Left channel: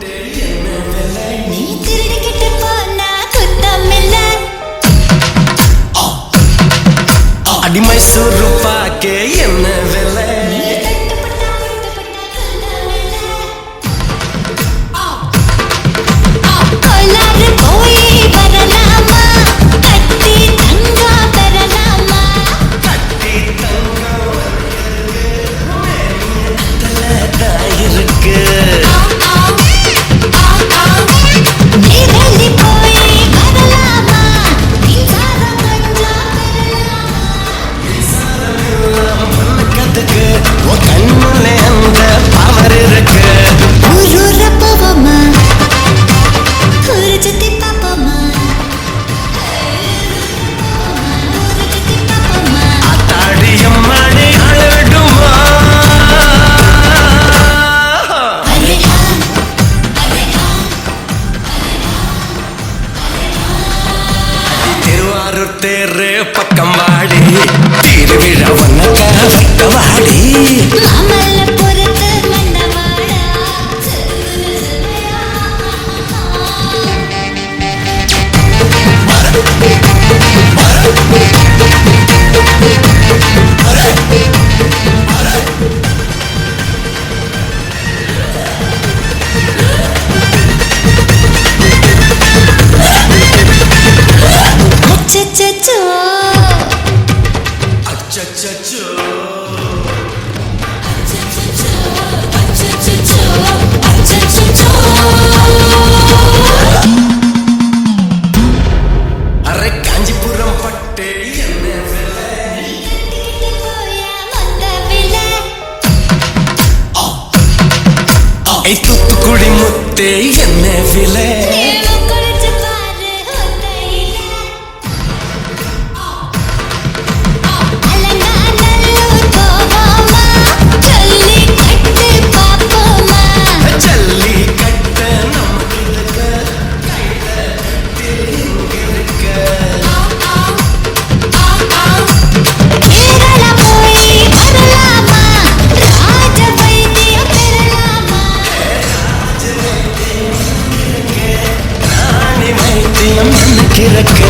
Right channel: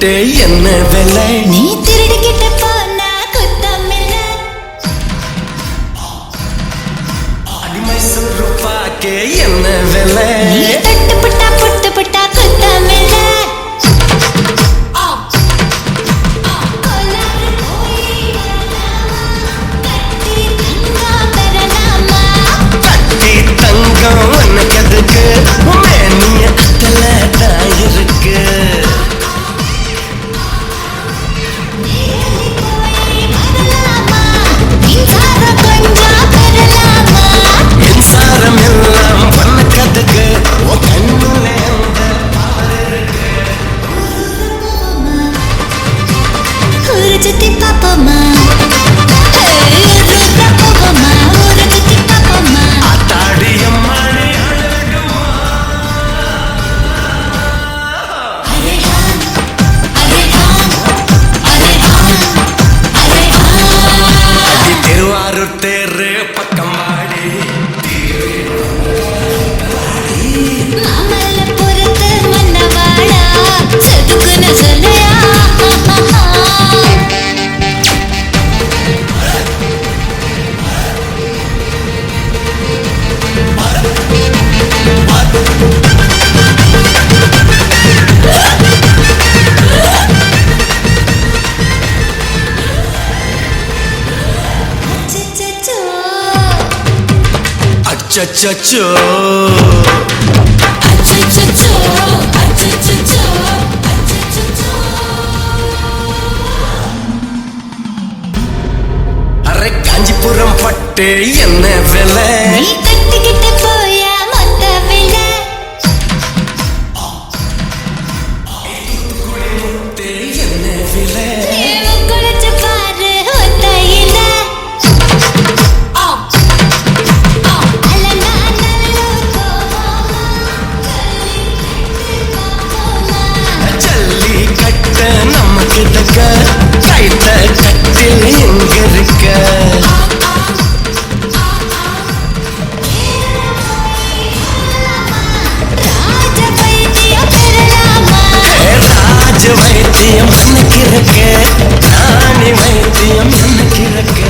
கூட்டே என்ன விலை? நீ திருடிக்கிட்டு போனா குத்தம் இல்ல அடிமை சுருப்பாக்கே என்ன விலை? மாறுத்தேரு பக்கம் வாடி. திருவிழா ஒன்னக்க வைக்கவா அச்சச்சோ. அச்சச்சோ அச்சச்சோ அச்சச்சோ. அரே காஞ்சிபுரம் பட்டு என்ன விலை? தூத்துக்குடி முத்தே என்ன விலை? எனக்கு நானே வைத்தியம் எனக்கு இறக்க